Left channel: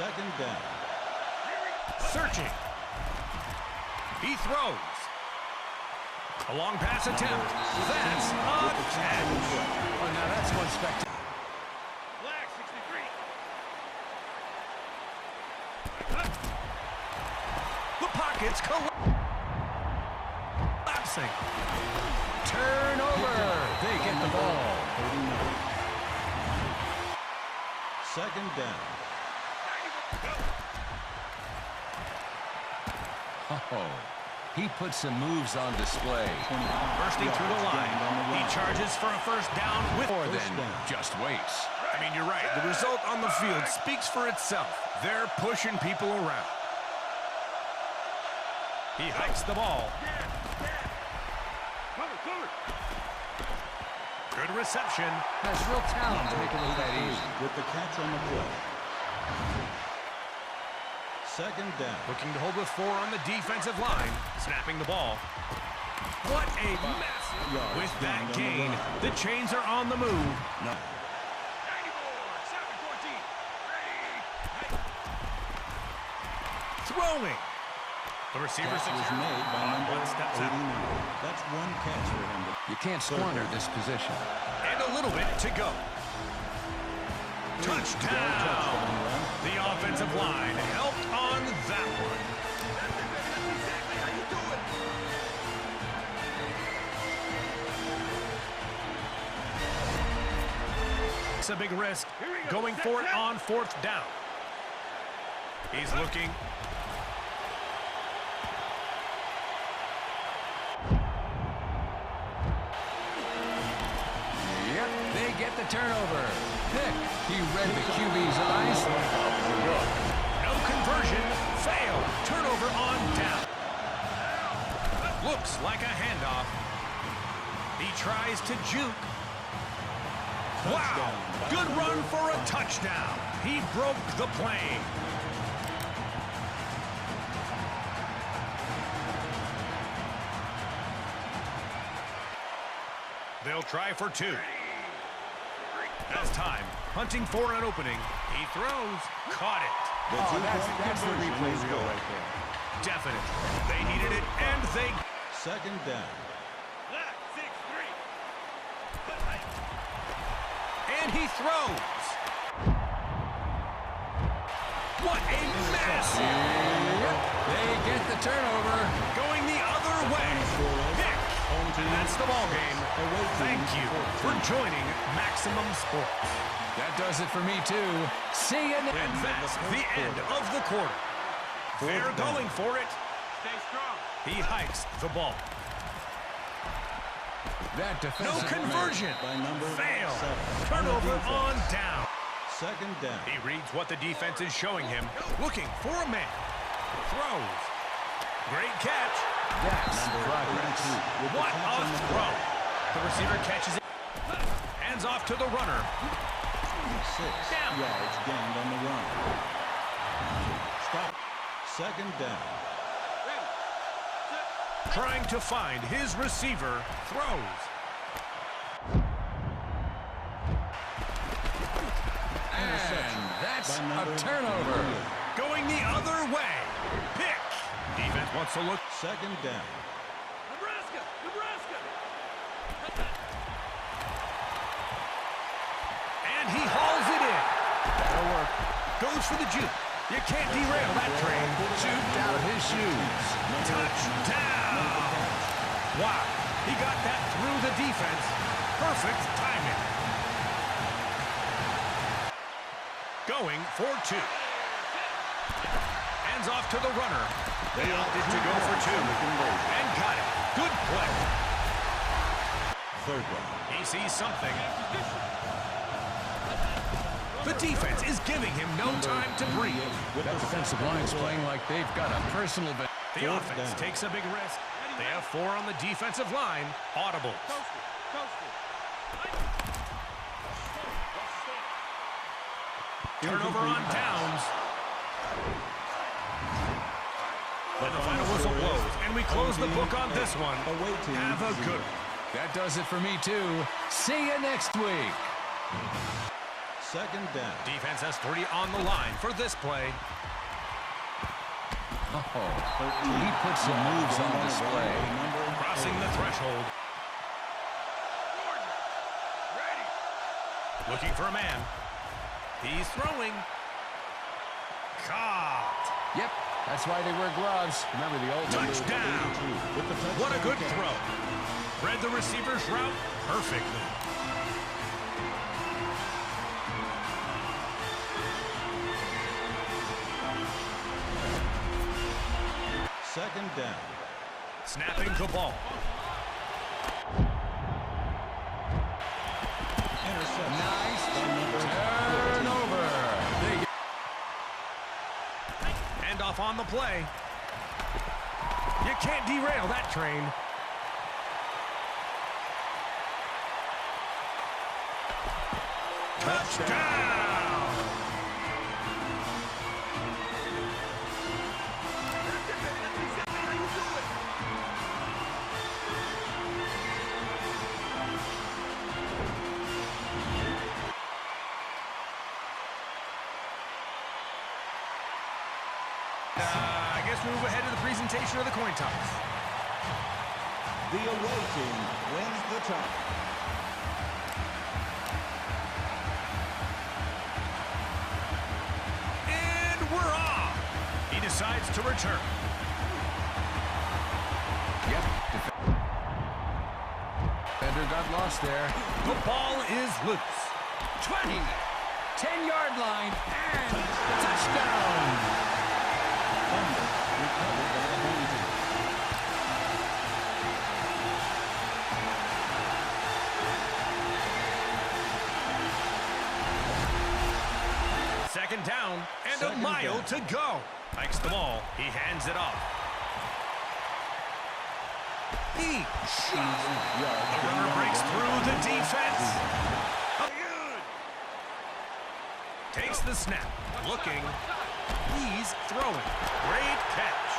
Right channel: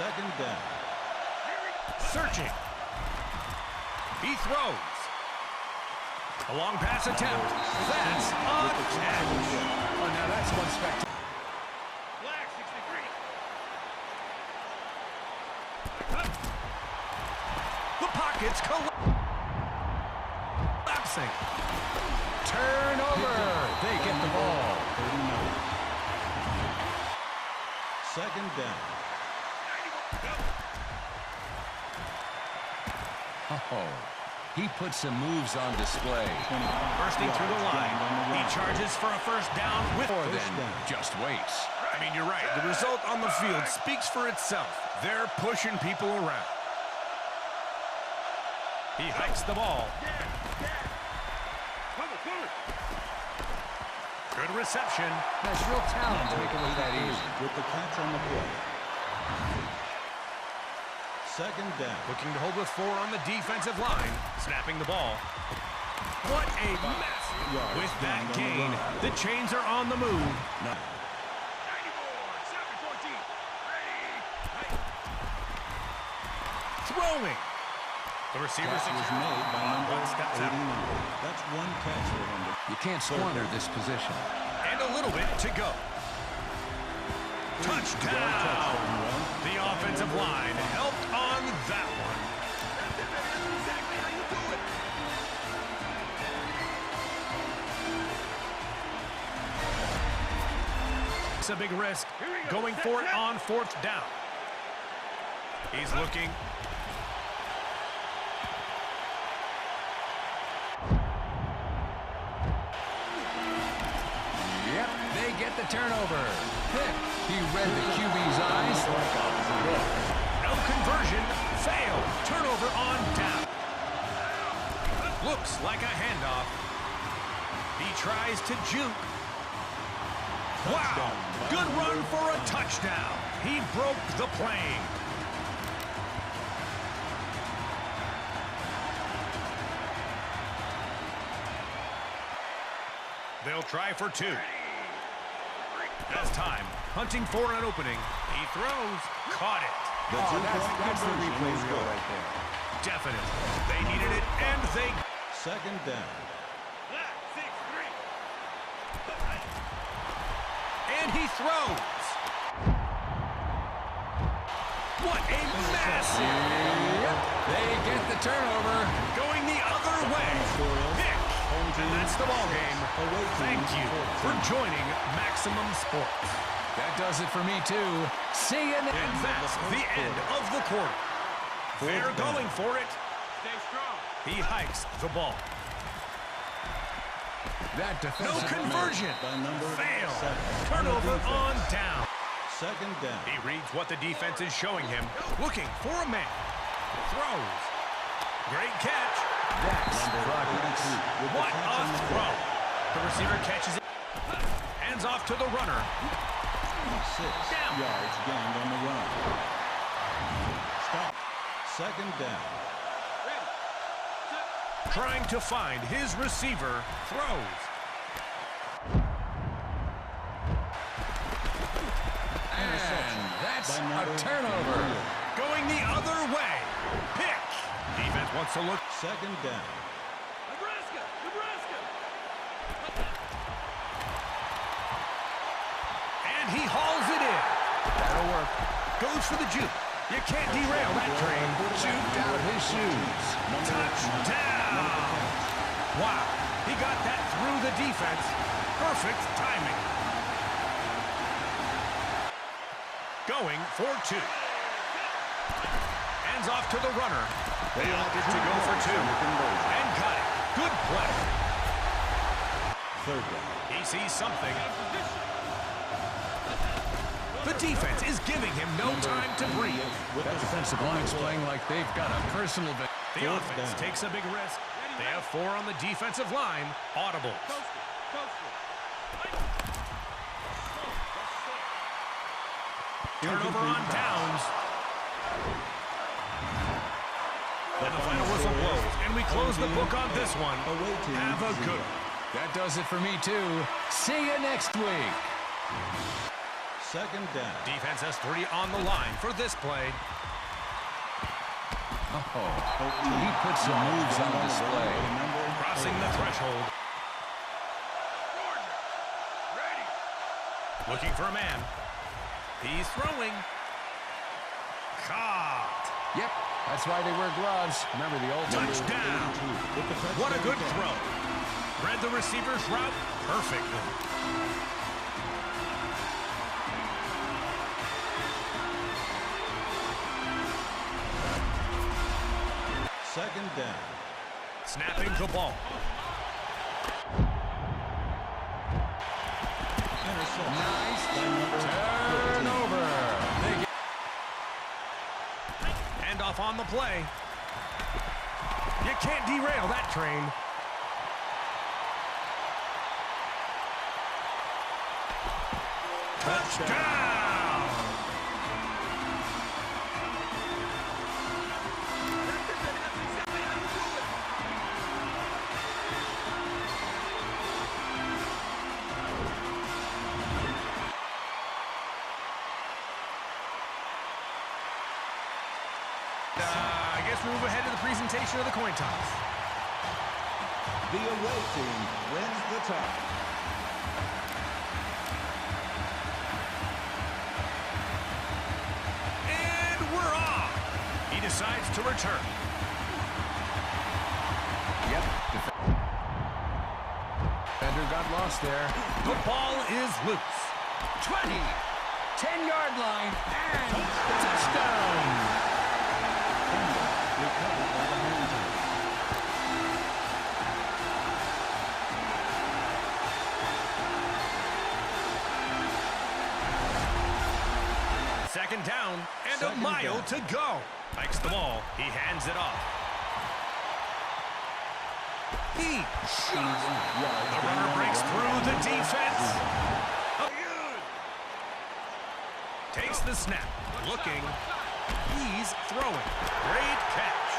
Second down. Searching. He throws. A long pass attempt. That's a catch. Oh, now that's one spectacular. Flag 63. The pocket's collapsing. Turnover. They get the ball. 39. Second down. Oh, he put some moves on display. Bursting through the line. He charges for a first down with More than just waits. I mean, you're right. The result on the field speaks for itself. They're pushing people around. He hikes the ball. Good reception. Has real talent to make it look that easy. With the catch on the play. Second down. Looking to hold with 4 on the defensive line. Snapping the ball. What a mess. With that gain, the chains are on the move. No. 94, 7, 14. Throwing. The receiver Catch was made by number 89. That's one catch for him. You can't squander this position. And a little bit to go. Touchdown. The offensive line helped on that one. That's it, baby. That's exactly how you do it. It's a big risk. Going for it on 4th down. He's looking. Yep, they get the turnover. Pick. He read the QB's eyes. No conversion. Fail. Turnover on down. Looks like a handoff. He tries to juke. Wow. Good run for a touchdown. He broke the plane. They'll try for 2. Has time. Hunting for an opening. He throws. Caught it. That's the replay reel right there. Definite. They needed it, and they... Second down. And he throws. What a massive... Yep, they get the turnover. Going the other way. Pick. And that's the ball game. Thank you for joining Maximum Sports. That does it for me, too. See you next. And that's the end of the quarter. They're going for it. Stay strong. He hikes the ball. That No defensive conversion. By number Fail. 7. Turnover on down. Second down. He reads what the defense is showing him. Looking for a man. Throws. Great catch. That's progress. What a throw. The receiver catches it. Hands off to the runner. 6 yards gained on the run. Stop. Second down. Trying to find his receiver. Throws. And that's a turnover. Going the other way. Pick. Defense wants to look. Second down. Nebraska. And he hauls it in. That'll work. Goes for the juke. You can't derail that train. Juked out of his shoes. Touchdown. Wow. He got that through the defense. Perfect timing. Going for 2. Hands off to the runner. They opted to go for 2. And got it. Good play. Third down. He sees something. The defense is giving him no time to breathe. That defensive line's playing like they've got a personal... The offense takes a big risk. They have 4 on the defensive line. Audible. Turnover on downs. And the final whistle blows, and we close the book on this one. Have a good one. That does it for me, too. See you next week. Second down. Defense has 3 on the line for this play. Oh, he put some moves on display. Crossing the threshold. Looking for a man. He's throwing. Caught. Yep, that's why they wear gloves. Remember the old Touchdown. What a good throw. Read the receiver's route perfectly. Second down. Snapping the ball. Interception. Nice By number 14. turnover. They get Hand off on the play. You can't derail that train. Touchdown! That's it, baby. That's exactly how you do it. I guess we move ahead to the presentation of the coin toss. The away team wins the toss. And we're off. He decides to return. Yep. Defender got lost there. The ball is loose. 20. 10-yard line. And touchdown. Fumble recovered by the home team. Second down and Second a mile down. to go. Hikes the ball. He hands it off. He shot. The runner breaks through the defense. Takes the snap. Looking. He's throwing. Great catch.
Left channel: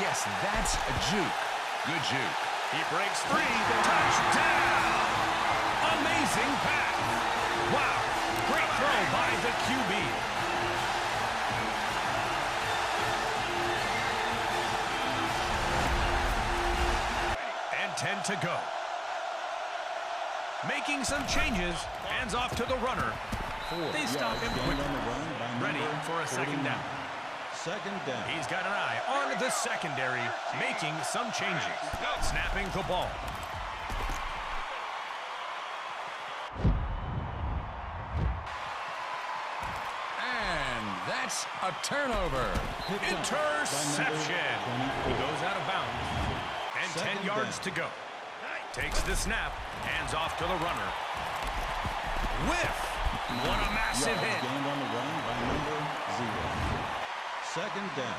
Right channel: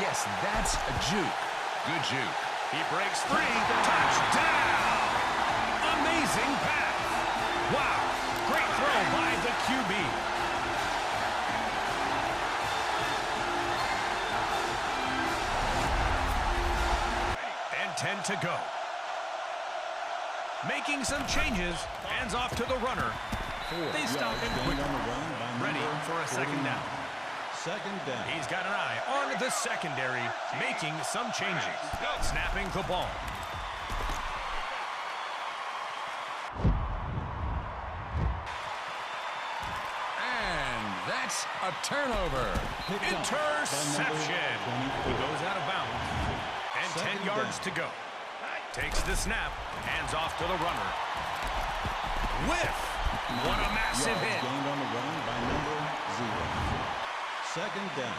Yes, that's a juke. Good juke. He breaks free. Touchdown! Amazing pass. Wow. Great throw by the QB. And 10 to go. Making some changes. Hands off to the runner. They stop him quickly. Ready for a second down. Second down. He's got an eye on the secondary, making some changes. Snapping the ball. And that's a turnover. Interception. He goes out of bounds. And 10 yards to go. Takes the snap. Hands off to the runner. Whiff. What a massive hit. Gained on the run by number 0. Second down.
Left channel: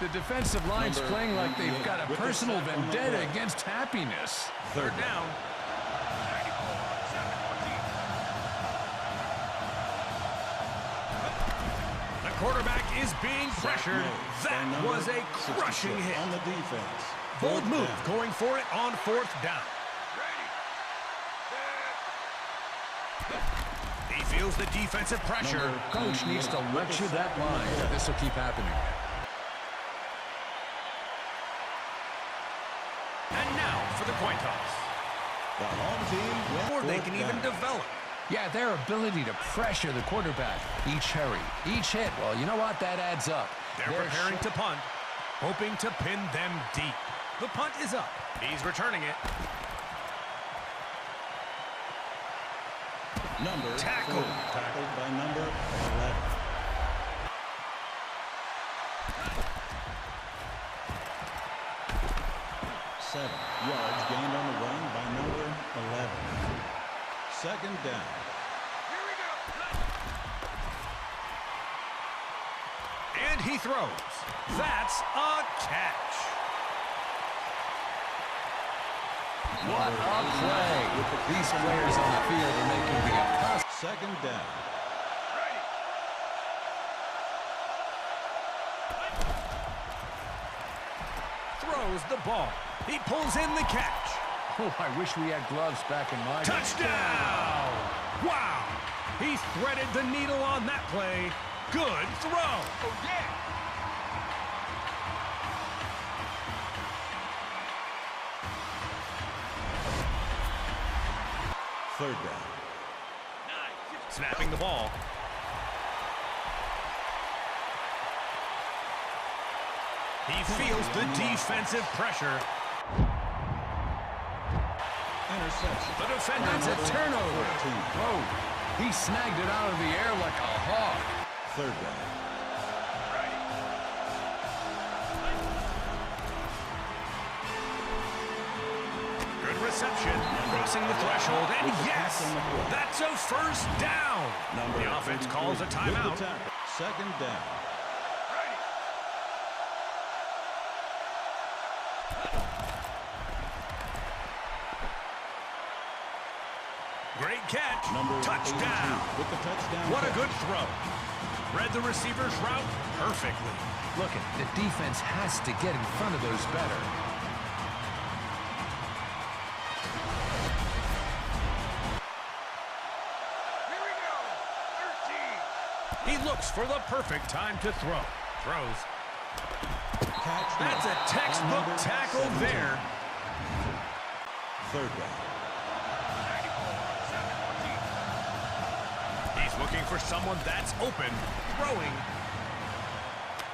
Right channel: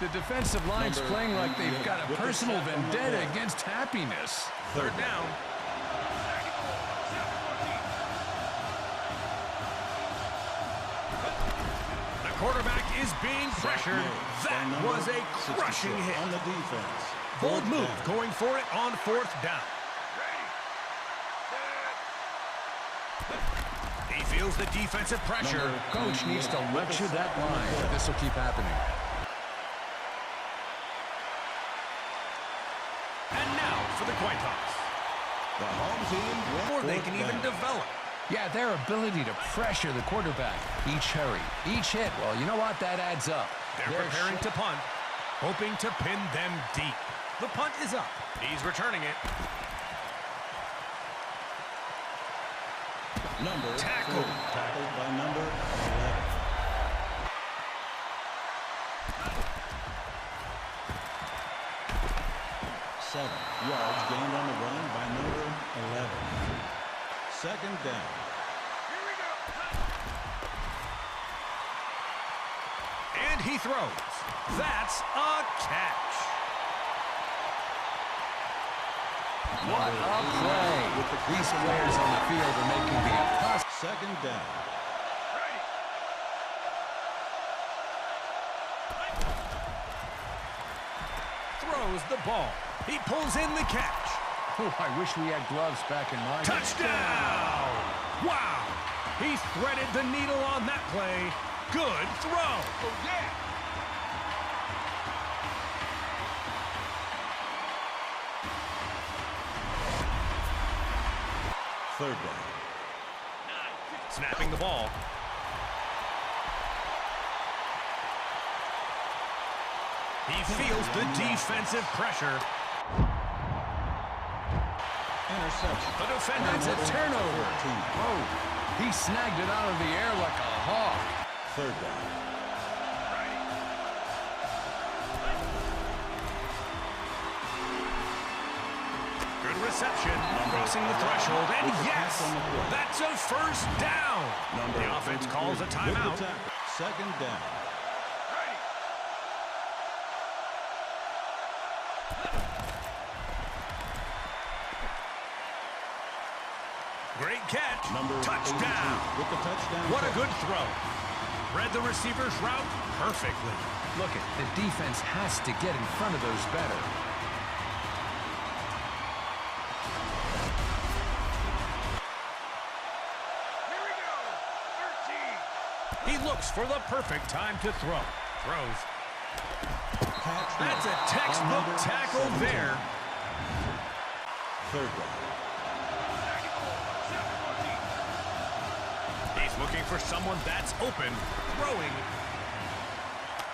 The defensive line's playing like they've got a personal vendetta against happiness. Third down. The quarterback is being pressured. That was a crushing hit. On the defense. Bold move going for it on fourth down. He feels the defensive pressure. Coach needs to lecture that line. This will keep happening. And now for the coin toss. The home team wins. Or they can even develop. Yeah, their ability to pressure the quarterback. Each hurry, each hit. Well, you know what? That adds up. They're preparing to punt, hoping to pin them deep. The punt is up. He's returning it. Number Tackle. 40, tackled by number 11. Seven yards gained on the run by number 11. Second down. Here we go. And he throws. That's a catch. What a play. These players on the field are making the impossible. Second down. Throws the ball. He pulls in the catch. Oh, I wish we had gloves back in my day. Touchdown! Wow! He threaded the needle on that play. Good throw. Oh, yeah. Third down. Snapping the ball. He feels the defensive pressure. Interception. The defender. That's a turnover. 14. Whoa. He snagged it out of the air like a hawk. Third down. Good reception. Crossing the threshold. And With the yes, pass on the play. that's a first down. The offense calls a 33 with the timeout. tackle. Second down. Great catch. Number Touchdown. 82 with the touchdown. What a catch. good throw. Read the receiver's route perfectly. Look, the defense has to get in front of those better. Here we go. 13. He looks for the perfect time to throw. Throws. Catch That's a made by textbook number tackle 17. there. Third down. 94, 7-14. He's looking for someone that's open. Throwing.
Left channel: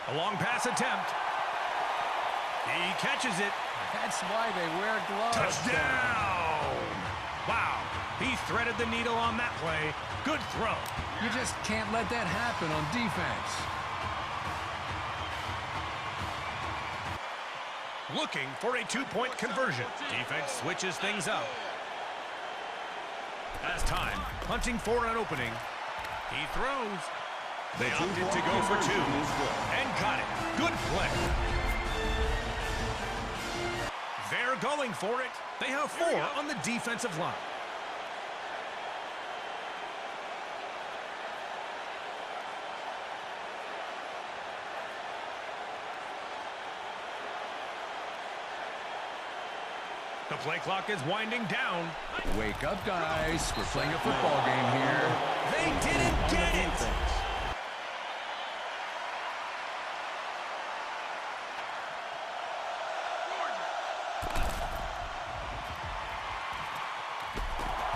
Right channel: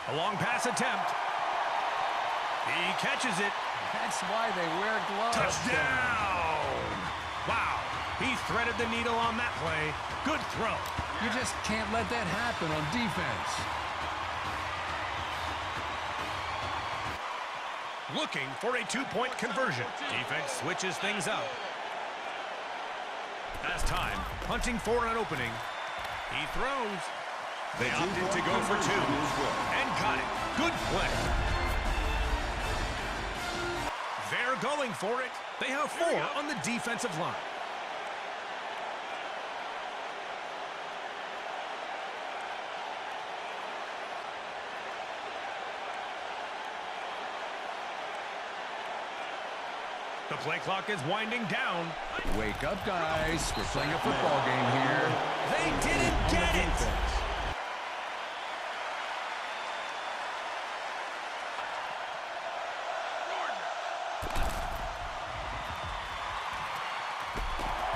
A long pass attempt. He catches it. That's why they wear gloves. Touchdown! Wow. He threaded the needle on that play. Good throw. You just can't let that happen on defense. Looking for a two-point conversion. Defense switches things up. As time, hunting for an opening. He throws. They opted to go for two. Is good. And got it. Good play. They're going for it. They have 4 on the defensive line. The play clock is winding down. Wake up, guys. We're playing a football game here. They didn't get it. Defense.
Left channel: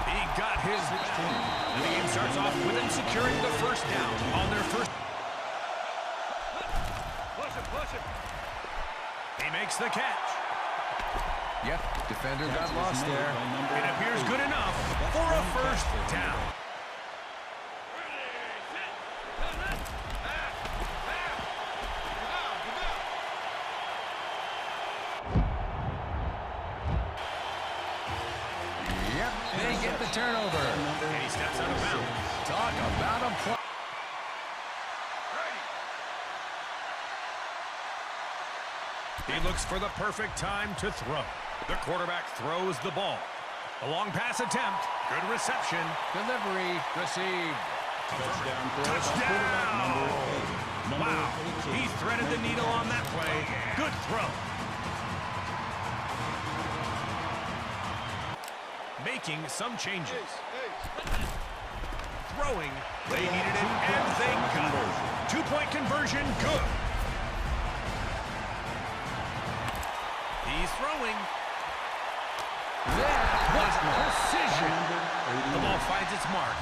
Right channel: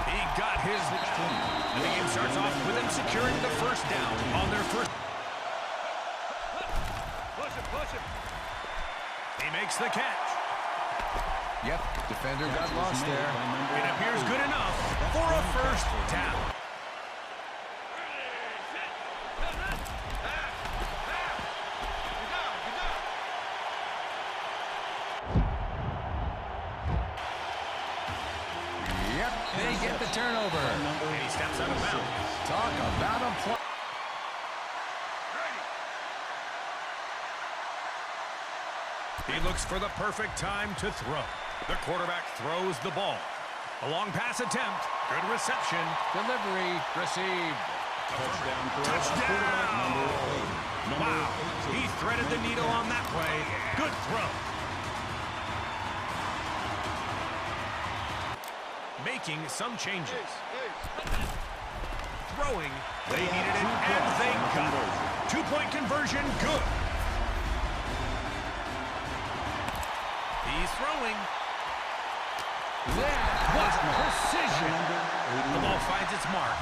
He got his 16. And the game starts off with them securing the first down on their first. Push him, push him. He makes the catch. Yep, defender Catch got was lost made there. by number It appears 8. good enough That's for a one catch first for him. down. Yep, they get the turnover. Number And he steps out of bounds. Talk about a play. He looks for the perfect time to throw. The quarterback throws the ball. A long pass attempt. Good reception. Delivery received. touchdown throw by quarterback number 8. Number Wow. 18 He threaded the made needle catch. on that play. Good throw. Making some changes. Throwing. They They have needed it, 2 and points they on the got conversion. it. 2-point conversion, good. He's throwing. That What By precision. number The 81. ball finds its mark.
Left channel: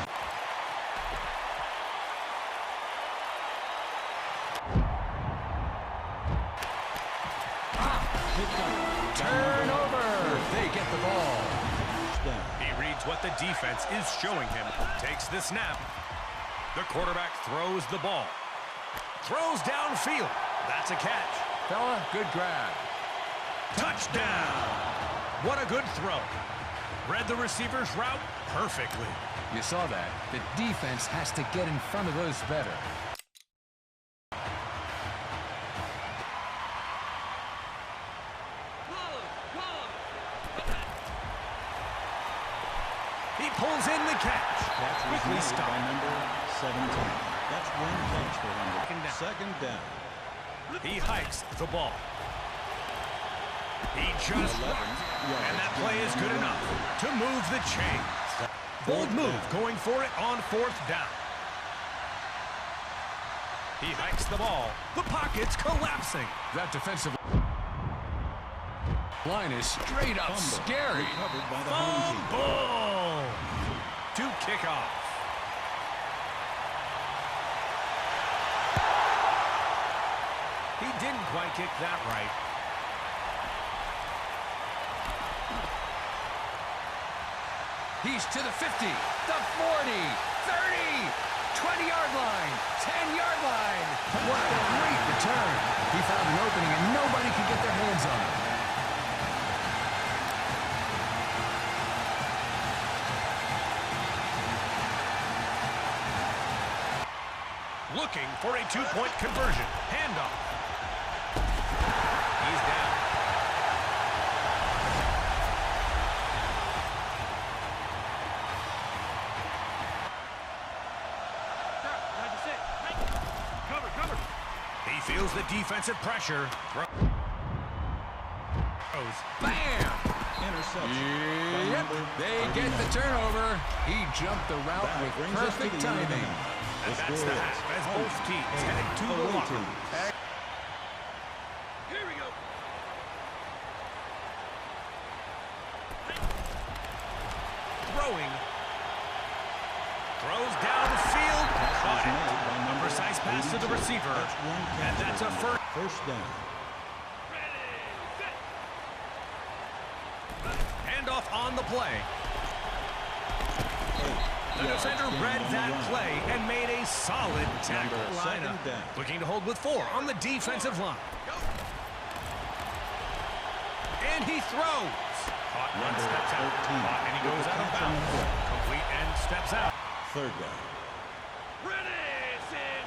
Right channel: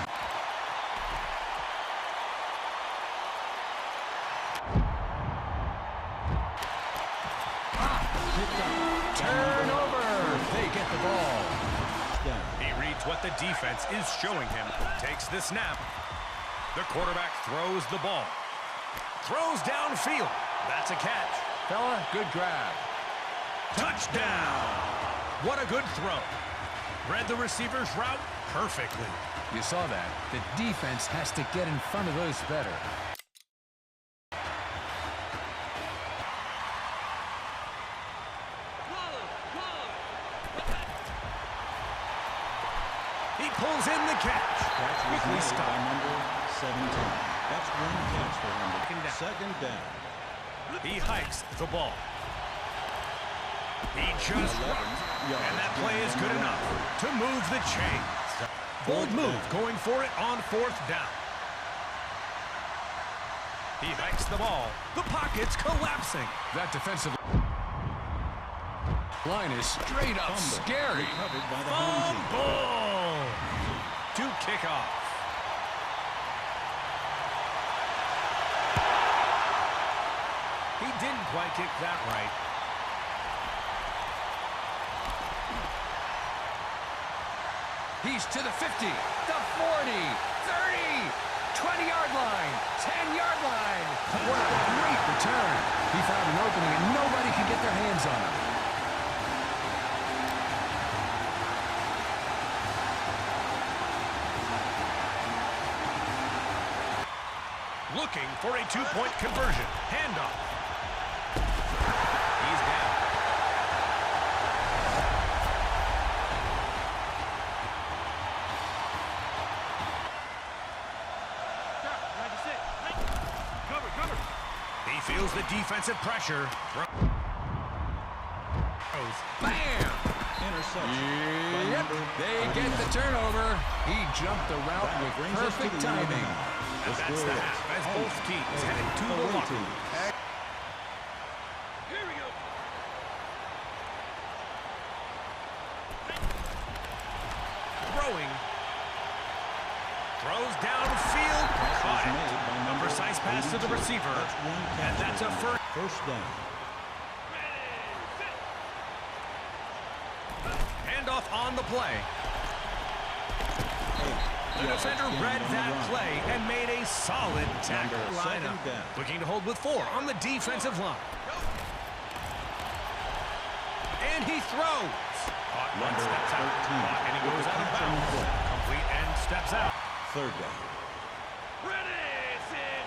Picked up. by turnover. They get the ball. down. He reads what the defense is showing him. Takes the snap. The quarterback throws the ball. Throws downfield. That's a catch. Fella, good grab. Touchdown! What a good throw. Read the receiver's route perfectly. You saw that. The defense has to get in front of those better. He pulls in the catch. Catch was Quickly made by stopped. number 17. That's one catch for him. Second down. Second down. He hikes the ball. He just rocked, and that play is good enough to move the chains. Bold move going for it on 4th down. He hikes the ball. The pocket's collapsing. That defensive line is straight up scary. Recovered by the home team. Fumble to kick off. He didn't quite kick that right. He's to the 50, the 40, 30, 20-yard line, 10-yard line. What a great return. He found an opening and nobody could get their hands on him. Looking for a 2-point conversion. Handoff. He's down. Cover. He feels the defensive pressure. Throws. Bam! Interception. Yep, they get the turnover. He jumped the route That with brings us to perfect the end of the timing. half. And that's score the is half as home both teams and head to the away locker teams. room. Here we go. Throwing. Throws downfield. Pass Caught was it. made by A number precise pass to the 82. receiver. That's one And that's a catch. first. First down. Ready, set. Handoff on the play. The Yards defender gained read on the that run. play and made a solid tackle. Number Lineup. 2nd down. Looking to hold with 4 on the defensive line. And he throws. Caught one, Number steps out. 13 Caught and he with goes the out of catch on the bounds. play. Complete and steps out. 3rd down. Ready, set.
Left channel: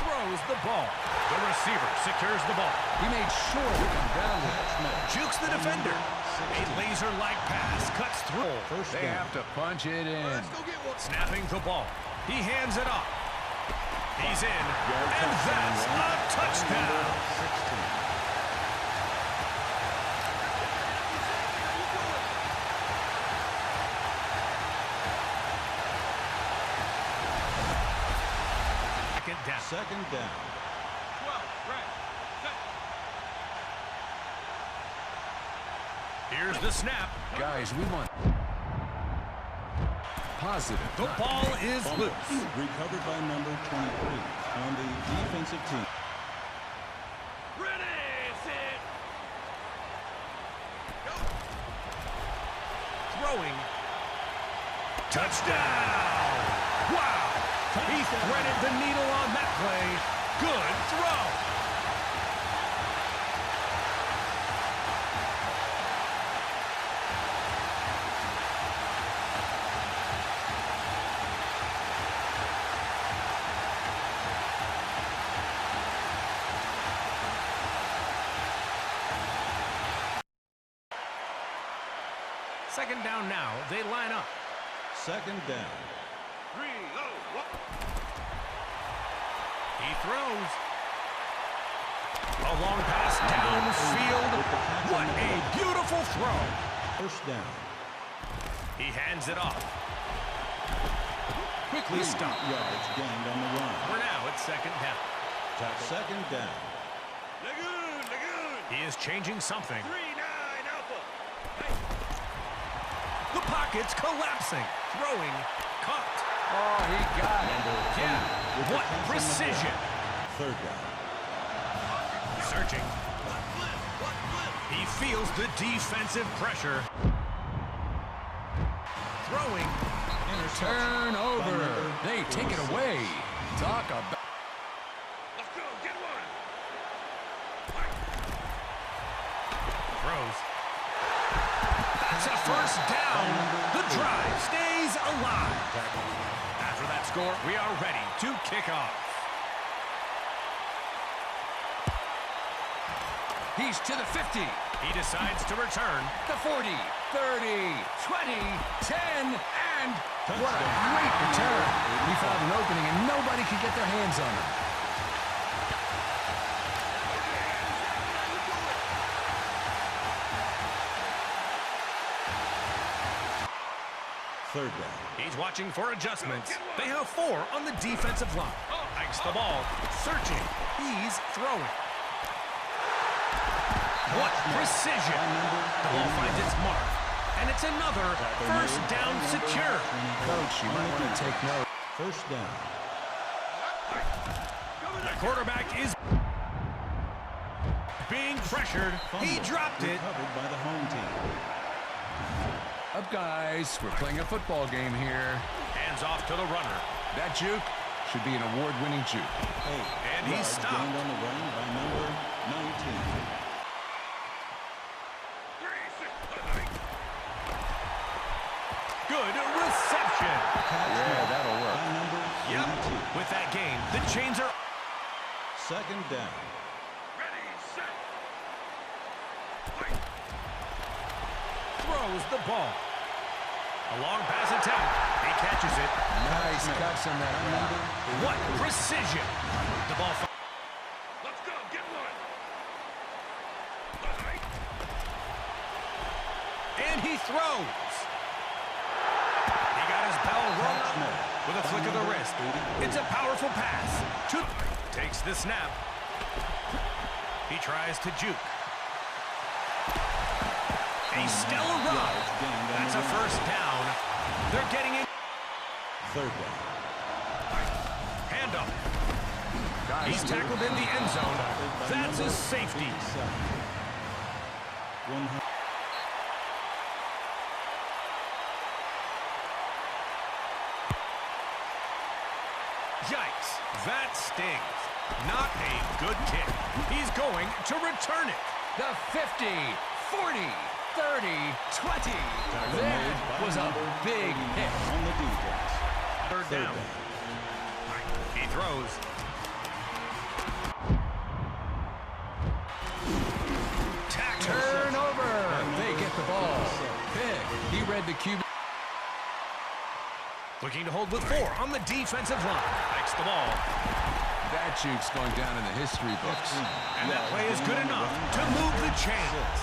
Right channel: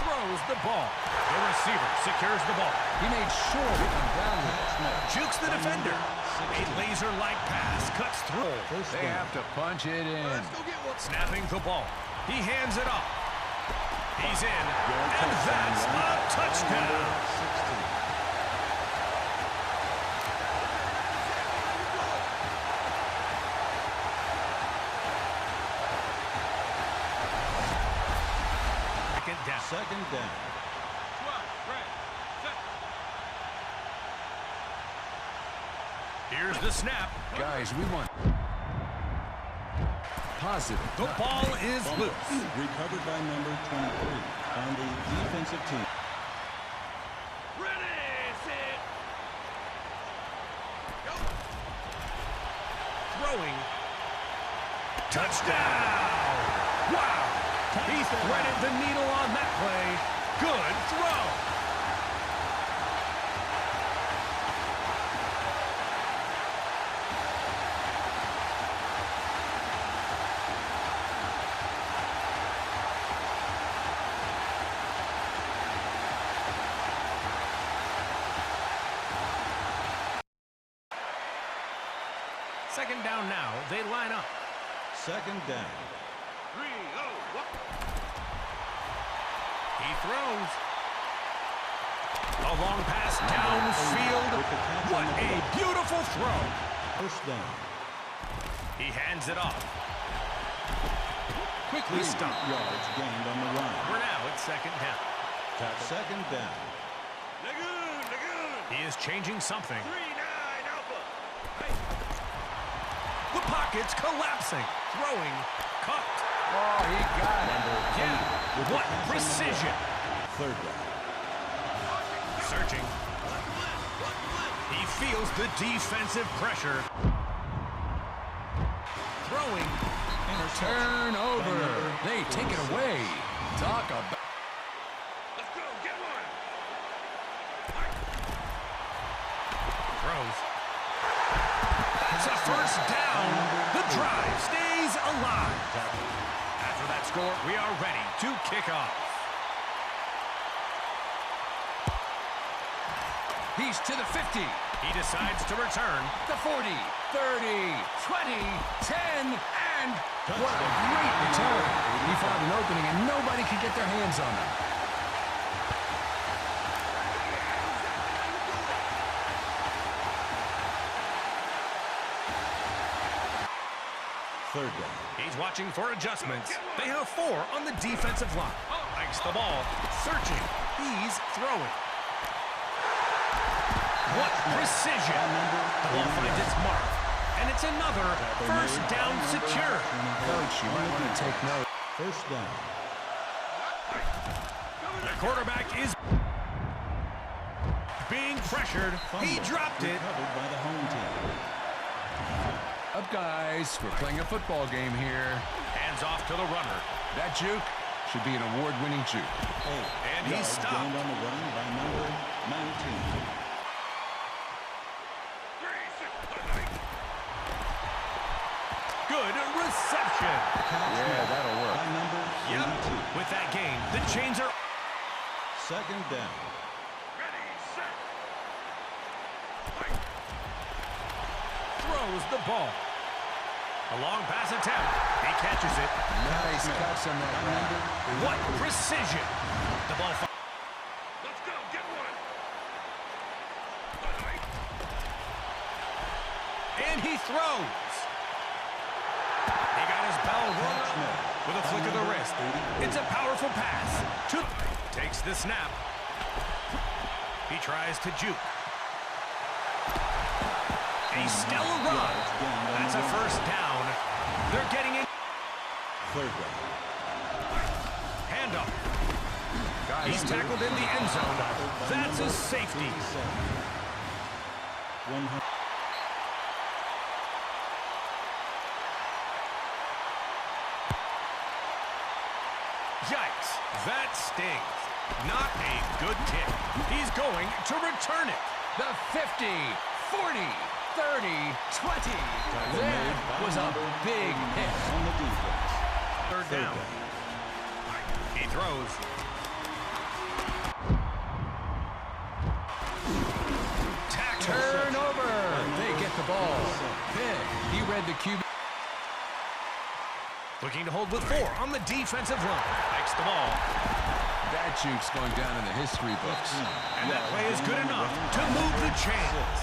Throws the ball. The receiver secures the ball. He made sure to come down with it. Jukes the defender. A laser-like pass cuts through. First They down. have to punch it in. Let's go get one. Snapping the ball. He hands it off. He's in. Yard And touchdown that's run a by touchdown. number 16. Second down. 2nd down. 12, right, set. Here's the snap. Guys, we want positive. The not ball is Fumbles. loose. Recovered by number 23 on the defensive team. Ready, set. Go. Throwing. Touchdown! Wow! He threaded the needle on that play. Good throw. Second down now. They line up. 2nd down. 3, 0, 1. He throws. A long pass downfield. With the catch What on the a play. beautiful throw. First down. He hands it off. Quickly 3 stopped. yards gained on the run. We're now at second down. 2nd down. Lagoon. He is changing something. 3-9 Alpha. Hey. The pocket's collapsing. Throwing. Caught. Oh, he got it. Number 8 Yeah. with the What catch on the precision. play. 3rd down. Searching. What flip? He feels the defensive pressure. Throwing. Interception. Turnover. by number They take it 46. away. Talk about. Let's go, get one. Throws. That's a first down. The drive stays alive. After that score, we are ready to kick off. He's to the 50, He decides to return. the 40, 30, 20, 10, and what a great return. He found an opening and nobody could get their hands on him. Third down. He's watching for adjustments. They have 4 on the defensive line. Hikes the ball, searching. He's throwing. What precision! The ball finds its mark, and it's another first down secure. Coach, you might want to take note. First down. The quarterback is being pressured. He dropped it. Recovered by the home team. Up, guys. We're playing a football game here. Hands off to the runner. That juke should be an award-winning juke. And he's stopped. Gained on the run by number 19. Good reception. Yeah, that'll work. By number 82. Yep. With that gain, the chains are... Second down. Ready, set. Throws the ball. A long pass attempt. He catches it. Nice cuts on that route. What precision. The ball... Let's go, get one. And he throws. He got his bell rung up with a flick of the wrist. It's a powerful pass. Takes the snap. He tries to juke. A stellar run. That's a first down. They're getting in. Third down. Hand up. Guys, He's tackled in the end zone. That's a safety. 57. 100. Yikes, that stings. Not a good kick. He's going to return it. the 50, 40, 30, 20. That was a big hit. On the defense. Third down. He throws. Tackle. Turnover. They get the ball. Pick. He read the QB. Looking to hold with 4 on the defensive line. Hikes the ball. That juke's going down in the history books. And that play is good enough to move the chains.